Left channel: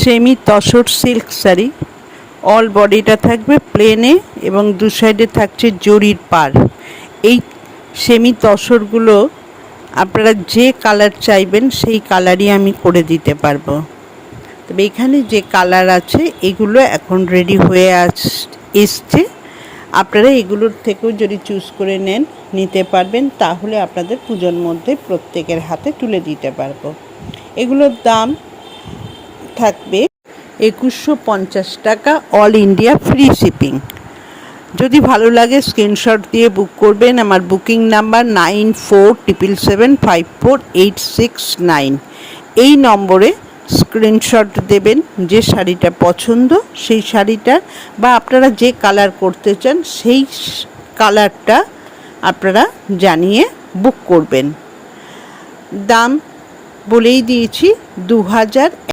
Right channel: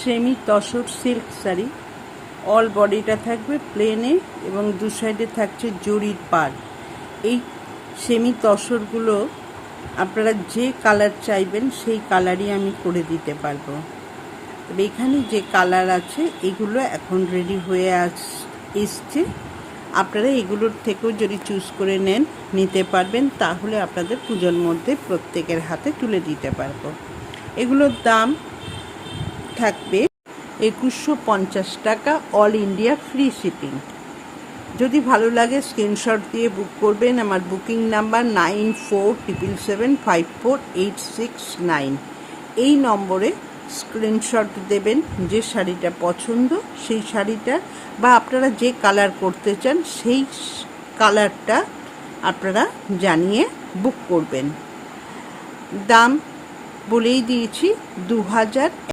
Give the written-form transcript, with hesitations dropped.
Semi tussar silk sari. All বডিটা থাকবে প্লেনে এবং দু সাইডে থাকছে জরির পাড়। এই সেমি তসরগুলো আপনারা যে কালার চাইবেন সেই কালারই আমি করে দিতে পারবো। তবে এখানে যে কালার আছে এগুলো এখন রেডি হয়ে এসছে। আপনারা এগুলোর থেকেও যদি চুজ করে নিতে পারবেন, তাহলে আপনাদের পুজোর মধ্যে প্রত্যেকের হাতে তুলে দিতে পারবো। এগুলোর দাম থাকবে 2150 টাকা, অল ইন্ডিয়া ফ্রি শিপিং। যদি ভালো লাগে স্ক্রিনশট দিয়ে বুক করবেন। আমার বুকিং নাম্বার 9477548669। এই নম্বরে স্ক্রিনশট দেবেন যে শাড়িটা পছন্দ, সেই শাড়িটা বা আপনারা যে কালার করতে চান সেই কালারটা আপনারা জানিয়ে বুক করবেন। দাম বলেই দিয়েছি 2000।